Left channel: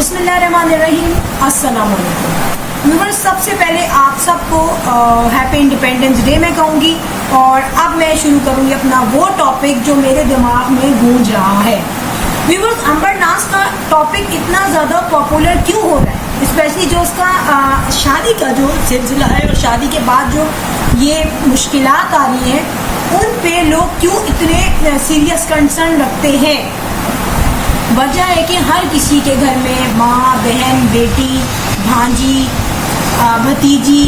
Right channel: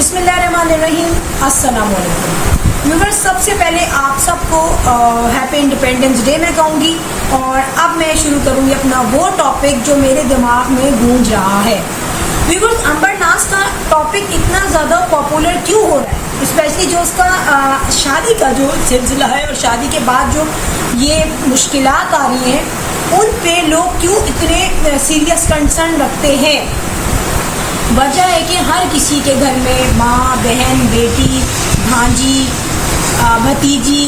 बिस्मिल्लाहिर्रहमानिर्रहीम, अस्सलाम वालेकुम व्यूअर्स। सबसे पहले आप सबको हैप्पी इंडिपेंडेंस डे मैं कहूँगी। और अब मैं शुरू करूँगी अपना वो टॉपिक जो मेरे दिमाग में गूंज रहा है। व्यूअर्स, अंबर नाज का टॉपिक इतना ज़्यादा पॉपुलर क्यों हो रहा है, स्पेशली जो उसका शादी का जो सिलसिला है और शादी के बाद जो ये मुश्किलात आ रही हैं, उन पे लोग क्यों इतने सीरियस कंसर्न रखते हैं। वजह है कि हर किसी के घर में माँ, बहन, बेटी, भांजी, भतीजी,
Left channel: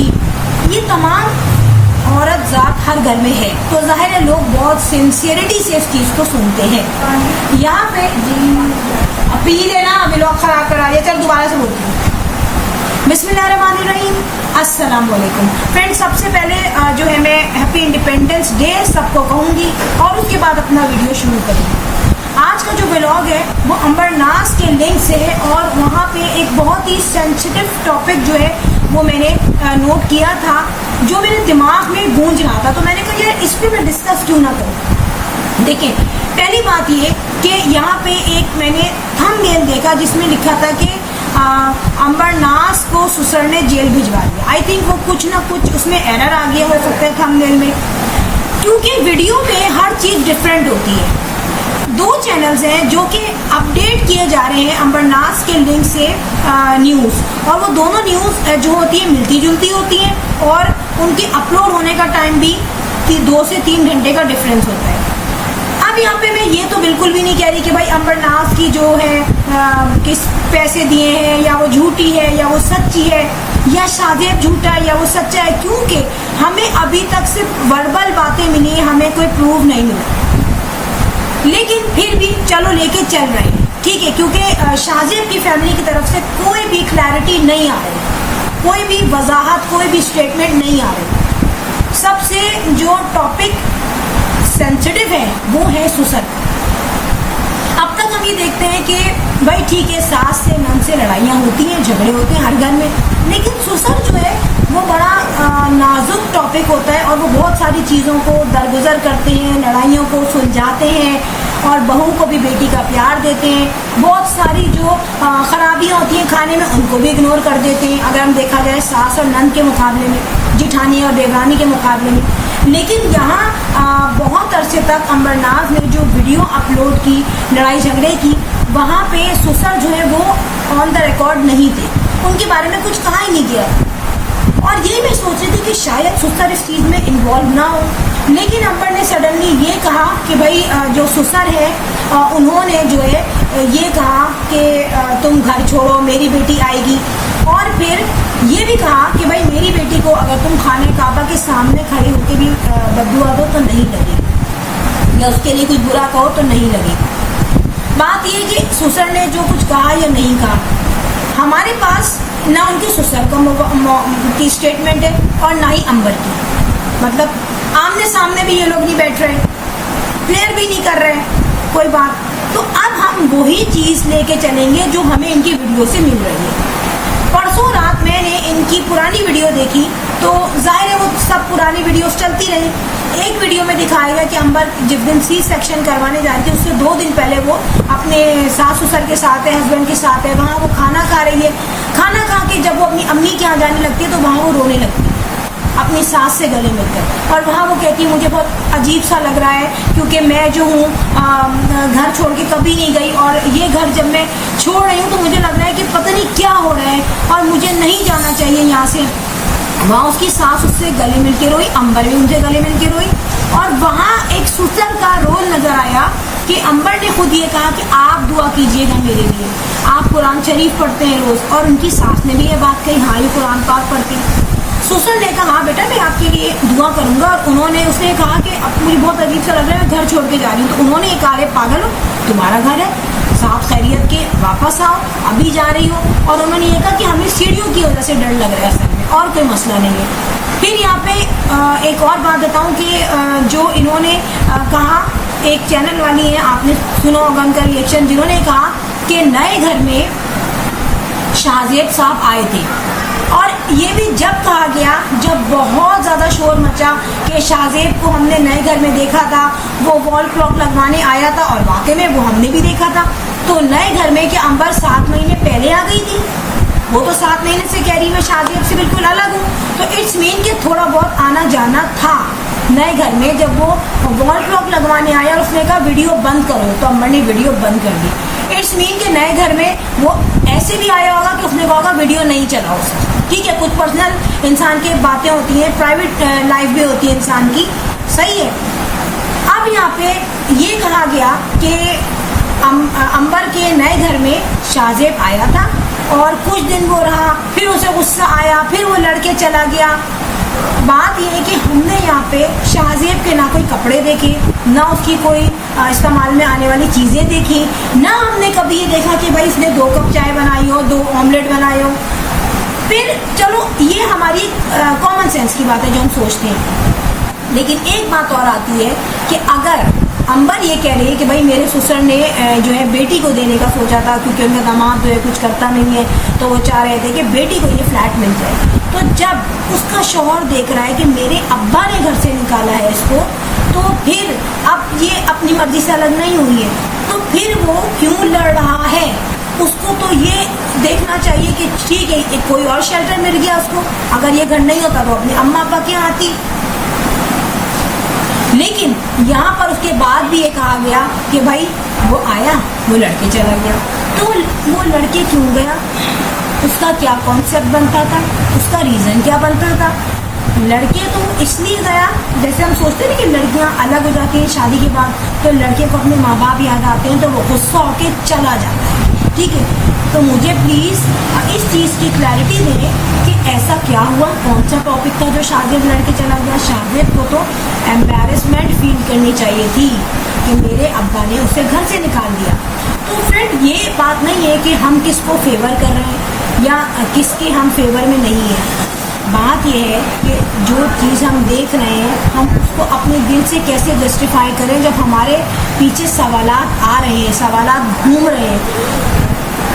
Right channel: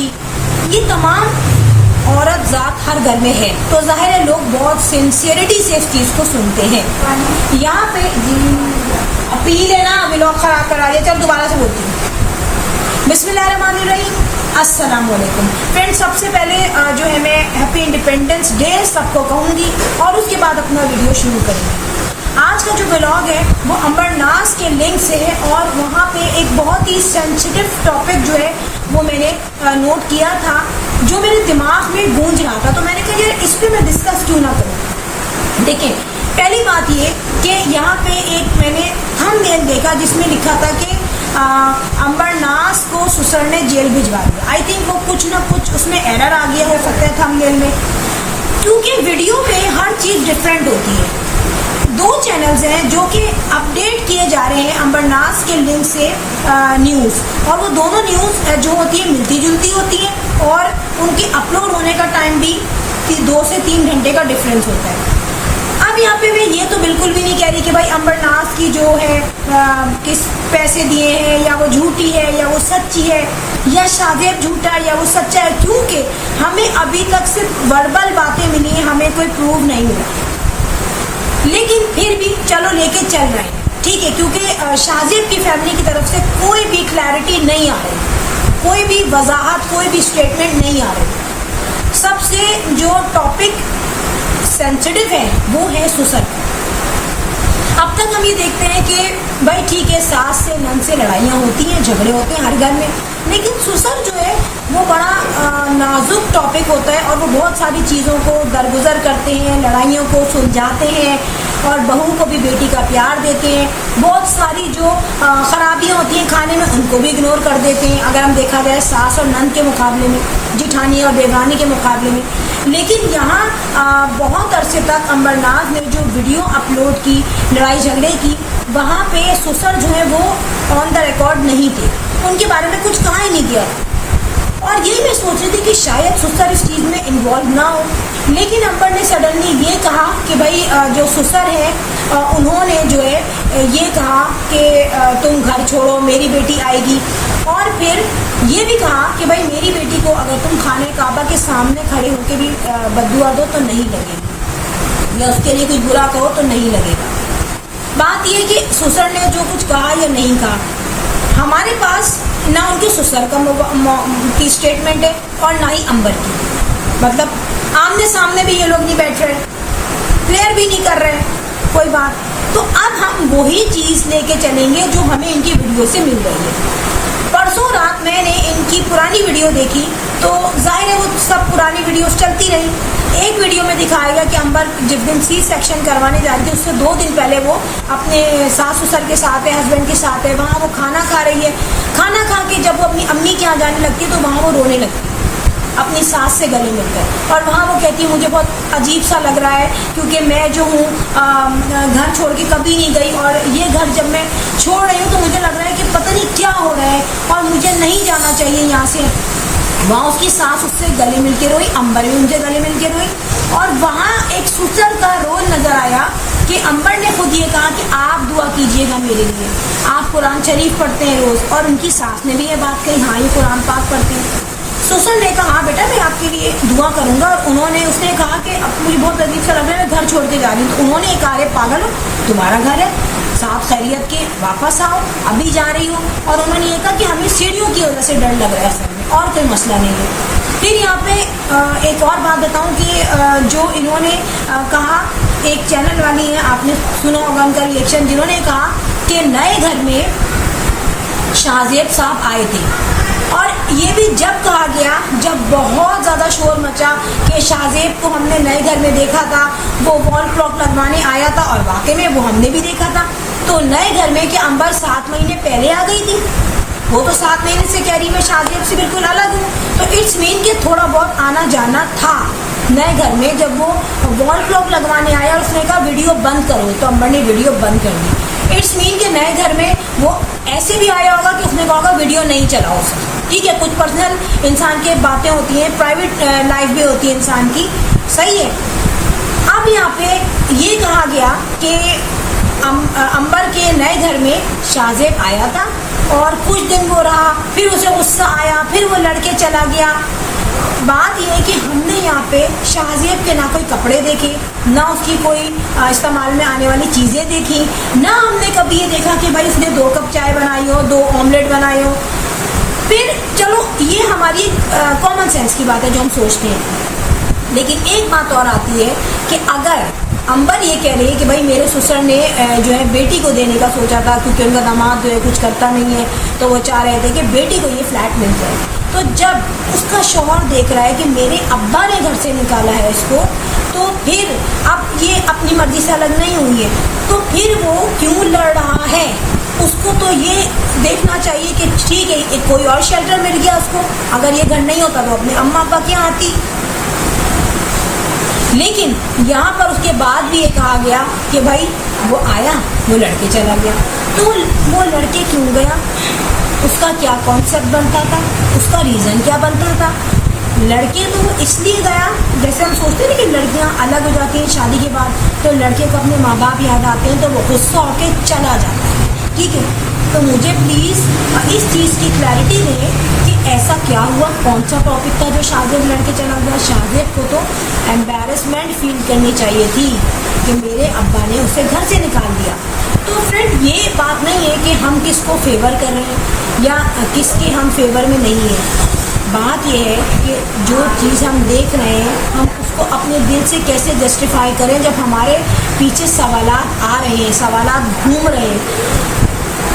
ये तमाम औरत ज़ात हर घर में है, तो ज़ाहिर है लोग बहुत सिंसियरिटी से इस चीज़ को सुनते हैं। यहाँ पे पी लेना, व्लॉग खराब करा दिया। चल दोबारा से बोलती हूँ। बिस्मिल्लाहिर्रहमानिर्रहीम, अस्सलाम वालेकुम फ्रेंड्स। सबसे पहले जो है मैं हैप्पी इंडिपेंडेंस डे सबको कहूँगी और उसके बाद अपना वीडियो शुरू करूँगी। आज का जो व्लॉग है वो अंबर नाज के लिंक से है और वहाँ पे एक बहुत ही सेंसिटिव टॉपिक जो है वो मैंने नोट किया था, जो मेरे दिमाग में गूंज रहा था। तो मैंने कहा यार इस पे मैं डिस्कस क्यों ना करूँ। देखिए, पहली बात ये कि यहाँ पे एक मैंने थंबनेल देखा जिसमें लिखा था कि अंबर नाज को सुसर ने जेल भिजवा दिया। आई थिंक वो कुछ ना कुछ उसमें एरर आ गया हो सकता है थंबनेल में, क्योंकि वीडियो में हर चीज़ डिफरेंट होती है। दो चैनल्स हैं जो कि अपडेट किए जा रहे हैं अंबर नाज के लिंक से न्यूज़, और वो दोनों न्यूज़ जो होती है मिलती जुलती होती हैं और उनके अपलोड होने का टाइम भी 2 से 3 घंटे का डिफरेंस होता है। अब यहाँ पे मैं ये तो बिल्कुल भी नहीं कह रही कि भाई अंबर नाज की जो है किस पैसे दिए हैं, या वो झूठी है या वो सच्ची है, या शादेब झूठा है या वो सच्चा है, क्योंकि हमें अभी तक सिर्फ वर्बल बातें मिली हैं, हमें कोई प्रूफ नहीं मिला। लेकिन फिर भी चलो लेके चल रहे हैं, ठीक है, क्योंकि शाहजेब की फैमिली की तरफ से कोई भी क्लैरिटी नहीं आ रही, कोई भी वजाहत, कोई भी स्टेटमेंट नहीं आ रही। सबसे जो टॉपिक सेंसिटिव है वो है सुसर। अब तक हम ये देखते हैं कि भाई ठीक है, सास से नंद से लड़ाइयाँ होती हैं, झगड़े होते हैं हर घर में, लेकिन सुसर जो है वो बड़ा नाजुक टॉपिक होता है और वो बहुत सारी चीज़ों को दरगुजर करते हैं, लड़ाइयों को सुलझाते हैं और बहू को भी बेटी का प्यार देते हैं। बहुत सारी जो खराबियाँ होती हैं खाने में उनको भी इग्नोर कर देते हैं, अगर हम देखा जाए सास और नंद के मुकाबले में, जिठानी और देवरानी के मुकाबले में। लेकिन यहाँ बहुत अरसे तक अंबर नाज ने जो वीडियो अपलोड की लड़ाई झगड़े की, वहाँ पे सुसर जो है वो ऑन द रिकॉर्ड नहीं थे, उनके बारे में कुछ कहा ही नहीं गया। और ये मैं सोच रही थी कि शायद सुसर इस चीज़ में इन्वॉल्व ना हो, लेकिन अंबर ने सडनली ये कहा कि भाई जो सुसर है उन्होंने जो है ये कहा कि तुम घर छोड़ो, मेरी बेटी आएगी। और फिर ये भी कहा कि भाई मेरी बेटी को अगर तुम खाने काबा के सामने खड़े होकर भी बद्दुआ दो तो नहीं लगेगी, या उसके लिए कुछ बुरा कहो तो नहीं लगेगा। बात ये कि सुसर ने जो कुछ कहा या नहीं कहा, हमारे पास ना उनके सुसर की स्टेटमेंट है और ना ही अंबर की। मतलब आमने सामने भी ये लोग नहीं बैठ रहे, क्लियर भी नहीं कर रहे कोई बात। तो अब हम वही चीज़ लेके चलेंगे जो हमें इनकी वीडियो से मिल रही है। परसों रात मैंने इनकी पुरानी वीडियो देखी, तो जाहिर है वो सब पुरानी वीडियोस चलती रही। एक वीडियो में दिखाएगा कि अंबर जिस दिन सी सेक्शन करवाने जा रही थी उससे 2 दिन पहले वो अपने सास ससुर के साथ है, हस्बैंड के साथ है, वहाँ वो खाना खा रही है। खाना खा के जब वो अपनी अम्मी के यहाँ जाने लगती है तो वहाँ वो रोने लगती है अपनी सास से गले मिलकर, और वहाँ वो कहती है मुझे बहुत अजीब सा लग रहा है क्योंकि मैं जो हूँ घर छोड़ के कभी नहीं गई, और ये घर जब मैं छोड़ रही हूँ तो मुझे लग रहा है कि पता नहीं क्या हो रहा है और मुझे नहीं जाना चाहिए यहाँ से। वहाँ उसकी सास उससे गले मिल के रोई, अंबर भी उनसे गले मिल के रोई। और वहाँ एक सुसर का रोल नजर आया कि अंबर ने खुद ये कहा कि आप दुआ कीजिएगा मेरे लिए, आप कुरान शरीफ पढ़ते हैं रोज़, और उनकी सास ने भी ये बात कही, हाँ ये कुरान पाक पढ़ते हैं। सुसर ने कहा बेटा मैं आपके लिए दुआ करूंगा, और उसने कहा कि अब मुझे बहुत अजीब सा लग रहा है, मैं घर छोड़ के जा रही हूँ। तो उन्होंने कहा अरे पागल हो, तुम्हारा घर है, साथ खैरियत के वापस आओ, अभी जा रही हो। और उन्होंने ये कहा कि हमें सीढ़ियों की वजह से डर लग रहा है सर में, और कोई मसला नहीं है। फिर यहाँ पे एक और बात बताऊँ कि जो इन्होंने कहा, एक चैनल वाली है, आपने सुना होगा उनका रिएक्शन, जिन्होंने कहा कि नए घर में शाहजेब साहब आए थे, और ये भी जब कहा गया जब बहुत ज़्यादा शोर मचा कि शाहजेब को हमने नए घर में देखा था, वो वॉल क्लॉक लगवाने आया था, और वाकई में वो हमने भी देखा था। तो तो नए घर में क्या अंबर 7 महीने पहले आ गई थी? वो तो 7 महीने से कह रही मैं शादी से बिल्कुल अलग हूँ, तो इट्स मीन कि थोड़ा बहुत आना जाना था नए घर में। जब वो वॉल क्लॉक लगवाने आया और उसने कहा वीडियो बंद करो, तो अंबर ने वीडियो बंद कर दी। इट्स मीन कि नए घर में वो ऐसे भी आया होगा कि उसने कहा होगा वीडियो नहीं चलाओ उसको, ठीक है। कुछ पर्सनल इंसान की बातें होती हैं, प्राइवेट लाइफ भी होती है इंसान की, सही है। अब यहाँ पे ये कहा गया कि अंबर के नए घर में शाहजेब आया था और कुछ दिन वो रहा, फिर उसे गुस्सा आया, फिर वो लड़के चला गया। बात ये है कि हमने यहाँ पे शाहजेब के ना कोई कपड़े देखे, ना उसकी कोई इस्तेमाल में आने वाली चीज़ें देखी, ना हमने कभी ये देखा कि भाई उसने 2 कप चाय बनाई हो, 2 ऑमलेट बनाए हो। फिर चलो ये हमारी कॉमन सेंस की बात है जो हम सोचते हैं, लेकिन एक बात और आती है कि अगर अंबर ये कह रही है कि भाई मेरे ससुर ने जो है बेटी को देने का सोचा था, क्योंकि उनका दामाद जो है कुछ करता नहीं है, तो वो चाह रहे थे कि बेटी को ये फ्लैट मिल जाए। तो जब उसका शौहर देख रहा है कि मेरे अब्बा ने घर से निकाला है इसको, तो फिर अब ये अपनी मर्जी से अलग नहीं हुई है, तो फिर वो क्यों लड़ रहा है? उसको तो ये देखना चाहिए कि ठीक है कोई और शेल्टर मिल गया उसको, अगर ये घर नहीं होता तो अपने अम्मा अब्बा के यहाँ आती। लेकिन यहाँ पर उसके बाद भी ये कहा गया कि भाई वो आया, वो लड़के चला गया, तो वो लड़के क्यों गया? उसका क्या कॉन्सेप्ट बनता था, उसका रीज़न क्या बनता था? लड़के तो इसलिए गया, जैसे हम सोचते हैं कि लड़कियां अलग हो जाती हैं शादी के बाद, तो लड़के को अपने माँ बाप याद आते हैं, तो वो गुस्सा होके चला जाता है, ठीक है। तो मुझे प्लीज़ इस चीज़ की क्लैरिटी दें कि ऐसा क्या हुआ, कौन सा टॉपिक था जो शाहजेब लड़के चला गया। शाहजेब को तो एम्बैरेसमेंट फील करनी चाहिए थी कि मेरे अब्बा ने उसे घर से निकाल दिया। तो फ्रेंड ये बात नहीं है कि हम किसको फेवर कर रहे हैं या किसके हम फेवर में नहीं है। बात यह है कि जो चीज़ हम देख रहे हैं हम उसको अपने दिल से कैसे जस्टिफाई करें जब हमारे पीछे सवालात आ रहे हैं, सवालात घूम रहे हैं।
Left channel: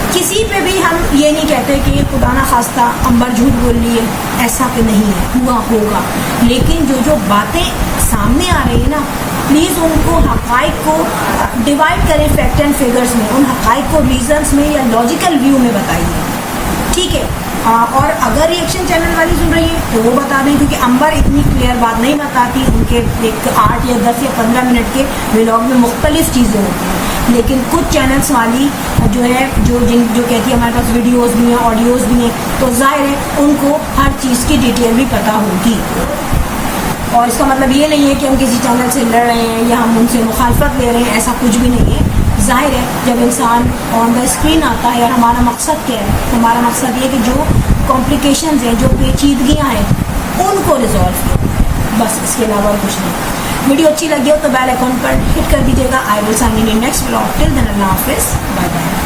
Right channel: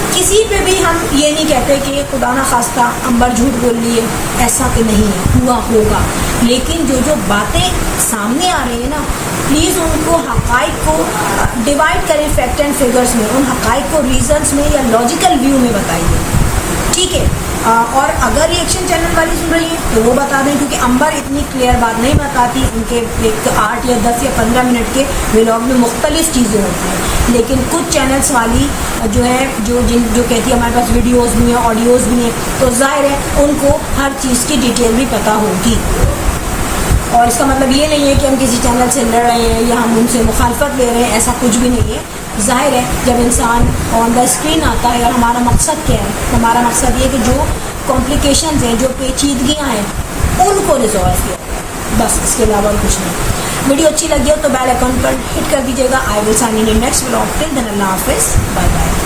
किसी पे भी हम ये नहीं कहते कि खुदा ना खास्ता अंबर झूठ बोल रही है, ऐसा तो नहीं है, हुआ होगा। लेकिन जो बातें सामने आ रही है ना, प्लीज़ उनको हक़ाइक़ को डिवाइड करें फैक्ट एंड फिगर्स में, उन हक़ाइक़ को रीजंस में या लॉजिकल व्यू में बताइए, ठीक है। और अगर रिएक्शन चैनल वाली सुन रही है तो वो बता दें, क्योंकि अंबर इतनी क्लियर बात नहीं बताती, उनके एक 8 या 10 या 15 मिनट के व्लॉग में मुख्तलिफ चीज़ें होती हैं। लेकिन कुछ चैनल्स वाली जो है जो कहती है हमारे पास वीडियोस भी हैं, ऑडियोज़ भी हैं, तो जाहिर है उनको हर चीज़ की डिटेल भी पता होगी। और इसका मतलब ये नहीं है कि हम किसी चैनल से लड़ रहे हैं या हम उनसे मुखालफत ले रहे हैं, ऐसा कुछ भी नहीं है। जाहिर है जब इंसान ऑन द स्क्रीन आता है, और हमारा मकसद क्या है, हमारा मकसद ये कि जो कॉम्प्लिकेशंस हैं, जो पेचीदगियाँ हैं, उनको रिजॉल्व किया, बस इसके अलावा कुछ नहीं। वीडियो अच्छी लगी हो तो बेल आइकन पर हिट कर दीजिएगा। I will sign in next vlog. Till then अल्लाह हाफिज़, बाय बाय।